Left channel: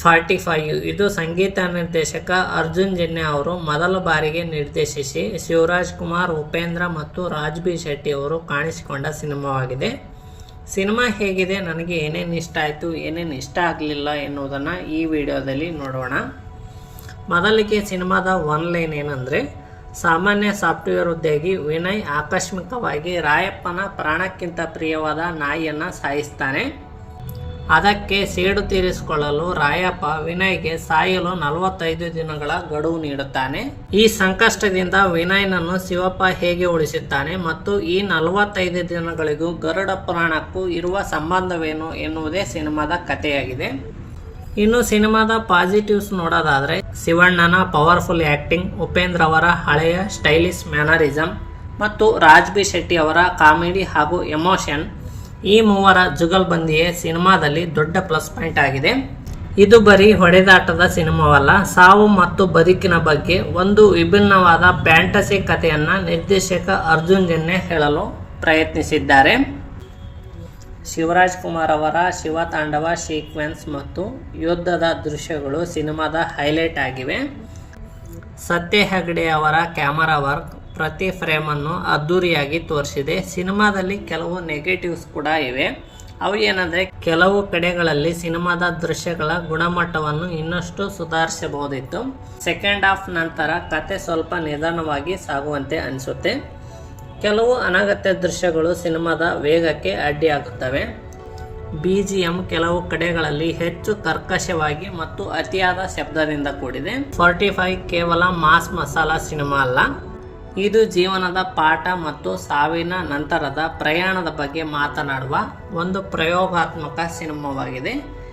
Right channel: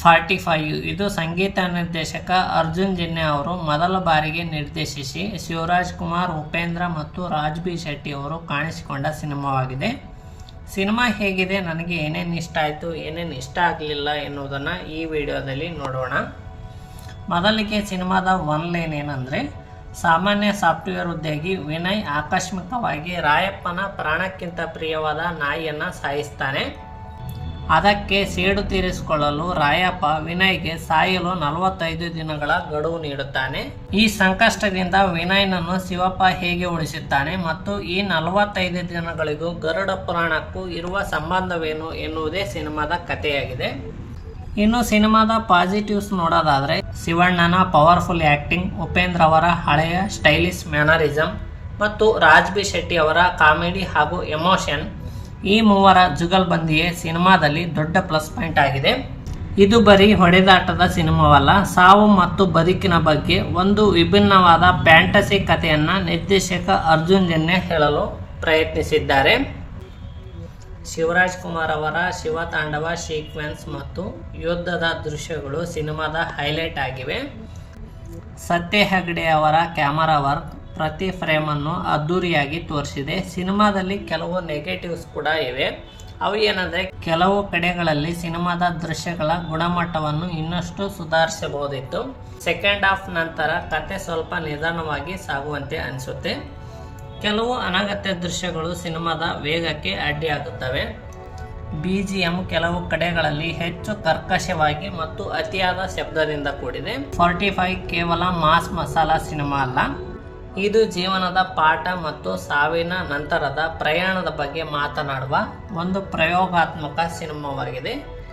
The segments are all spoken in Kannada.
45 ಇದು ಸಂಗೀತ ನಿರ್ದೇಶಕ ಅರ್ಜುನ್ ಜನ್ಯ ಅವರು ಮೊದಲ ಬಾರಿಗೆ ನಿರ್ದೇಶಿಸಿ ಶಿವರಾಜ್ ಕುಮಾರ್, ಉಪೇಂದ್ರ ಮತ್ತು ರಾಜ್ ಬಿ ಶೆಟ್ಟಿ ಅವರು ಕಾಣಿಸಿಕೊಂಡ ಸಿನಿಮಾವಾಗಿದೆ. ಸಿನಿಮಾ ಹೇಗಿದೆ, ನನಗೆ ಏನೇನು ಇಷ್ಟ ಆಯಿತು, ಏನೇನು ಇಷ್ಟ ಆಗಲಿಲ್ಲ ಎನ್ನುವುದನ್ನು ಈ ವಿಡಿಯೋದಲ್ಲಿ ನೋಡೋಣ. ಮೊದಲಿಗೆ ಸಿನಿಮಾದ ಒನ್ ಲೈನ್ ಏನಂದರೆ, ಸಾಮಾನ್ಯ ಸಾಫ್ಟ್ವೇರ್ ಉದ್ಯೋಗಿ ವಿನಯ್ ಆಕಸ್ಮಿಕವಾಗಿ ರಾಯಪ್ಪನ ಪ್ರಾಣಕ್ಕಿಂತ ಪ್ರಿಯವಾದ ನಾಯಿಯನ್ನು ಸಾಯಿಸ್ತಾನೆ. ಅದಕ್ಕೆ ಸೇಡು ತೀರಿಸಿಕೊಳ್ಳಲು ರಾಯಪ್ಪ ವಿನಯ್ಗೆ ಸಾಯಲು 45 ದಿನಗಳ ಗಡುವು ನೀಡುತ್ತಾನೆ. ಈ ಸಂಕಷ್ಟದಿಂದ ವಿನಯ್ನನ್ನು ಶಿವಪ್ಪ ಹೇಗೆ ಉಳಿಸುತ್ತಾನೆ ಮತ್ತು ಈ 45 ದಿನಗಳಿಗೂ ಗರುಡ ಪುರಾಣಕ್ಕೂ ಇರುವ ಸಂಬಂಧವೇನು ಎನ್ನುವುದೇ ಸಿನಿಮಾದ ಕಥೆಯಾಗಿದೆ. ಇನ್ನು ಸಿನಿಮಾದ ಪಾಸಿಟಿವ್ಸ್ ನೋಡೋದಾದರೆ, ಶಿವಣ್ಣನ ಪವರ್ಫುಲ್ ಆ್ಯಕ್ಟಿಂಗ್, ಉಪೇಂದ್ರ ಅವರ ಹಳೆಯ ಸ್ಟೈಲಿಶ್ ಮ್ಯಾನರಿಸಮ್ ಮತ್ತು ರಾಜ್ ಬಿ ಶೆಟ್ಟಿ ಅವರ ಕಾಮಿಡಿ ಹಾಗೂ ಎಮೋಷನ್, ಈ ಮೂವರ ಜುಗಲ್ಬಂದಿಯೇ ಸಿನಿಮಾದಲ್ಲಿ ದೊಡ್ಡ ಪ್ಲಸ್ ಪಾಯಿಂಟ್ ಆಗಿದೆ. ಇದು ಬರೀ ಹೊಡೆದಾಟದ ಸಿನಿಮಾವಲ್ಲ, ಸಾವು ಮತ್ತು ಬದುಕಿನ ಬಗ್ಗೆ ಒಂದು ವಿಭಿನ್ನವಾದ ಫ್ಯಾಂಟಸಿ ಕಥೆಯನ್ನು ನಿರ್ದೇಶಕ ಅರ್ಜುನ್ ಜನ್ಯ ಹೇಳಲು ಪ್ರಯತ್ನಿಸಿದ್ದಾರೆ. ಶಿವರಾಜ್ ಕುಮಾರ್ ಅವರ ಶಿವತಾಂಡವ ಸೀಕ್ವೆನ್ಸ್ ಮತ್ತು ಯುದ್ಧದ ದೃಶ್ಯಗಳು ಸಿನಿಮಾದ ಹೈಲೈಟ್ ಆಗಿವೆ. ಸತ್ಯ ಹೆಗ್ಡೆ ಅವರ ಕ್ಯಾಮರಾ ವರ್ಕ್ ಪ್ರತಿ ಫ್ರೇಮನ್ನು ಅದ್ಧೂರಿಯಾಗಿ ತೋರಿಸಿದೆ. ಸಿನಿಮಾದಲ್ಲಿ ಕೆಲವು ನೆಗೆಟಿವ್ಸ್ ಕೂಡ ಇವೆ. ಅವು ಏನಂದರೆ, ಕೆಲವು ಕಡೆಗಳಲ್ಲಿ ಸಿನಿಮಾದ ದೃಶ್ಯಗಳ ಗುಣಮಟ್ಟವನ್ನು ಇನ್ನಷ್ಟು ಸುಧಾರಿಸಬಹುದಿತ್ತು. ಸೆಕೆಂಡ್ ಹಾಫ್ ನಂತರ ಕತೆ ಸ್ವಲ್ಪ ನಿಧಾನವಾಗಿ ಸಾಗುವಂತೆ ಅನಿಸುತ್ತೆ. ಕೆಲವು ಅನಗತ್ಯ ದೃಶ್ಯಗಳು ಸಿನಿಮಾದ ವೇಗಕ್ಕೆ ಅಡ್ಡಿಯಾಗುತ್ತವೆ. BGM ಕೆಲವು ಕಡೆಗಳಲ್ಲಿ ಹೆಚ್ಚು ಕರ್ಕಶವಾಗಿ ಮತ್ತು ಅತಿಯಾದ ಶಬ್ದದಿಂದ ಕೂಡಿದೆ. 45 ಕೇವಲ ಮಾಸ್ ಮಸಾಲಾ ಸಿನಿಮಾ ಅಲ್ಲ, ಇದು ಜೀವನದ ಪಾಠ ಮತ್ತು ಸಾವಿನ ನಂತರದ ಪ್ರಯಾಣದ ಬಗ್ಗೆ ಮಾತನಾಡುವ ಒಂದು ಪ್ರಯೋಗಾತ್ಮಕ ಸಿನಿಮಾವಾಗಿದೆ.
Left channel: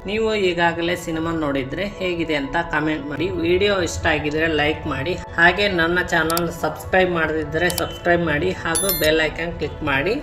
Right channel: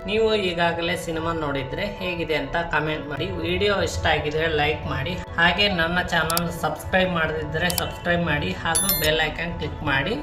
ನೀವು ಈಗಾಗಲೇ ಸಿನಿಮಾ ನೋಡಿದರೆ ಹೇಗಿದೆ ಅಂತ ಕಮೆಂಟ್ ಮಾಡಿ. ವಿಡಿಯೋ ಇಷ್ಟ ಆಗಿದ್ರೆ ಲೈಕ್ ಮಾಡಿ. ಹಾಗೆ ನನ್ನ ಚಾನಲ್ ಸಬ್ಸ್ಕ್ರೈಬ್ ಮಾಡದಿದ್ದರೆ ಸಬ್ಸ್ಕ್ರೈಬ್ ಮಾಡಿ ಹಾಗೂ ಬೆಲ್ ಐಕಾನ್ ಕ್ಲಿಕ್ ಮಾಡಿ.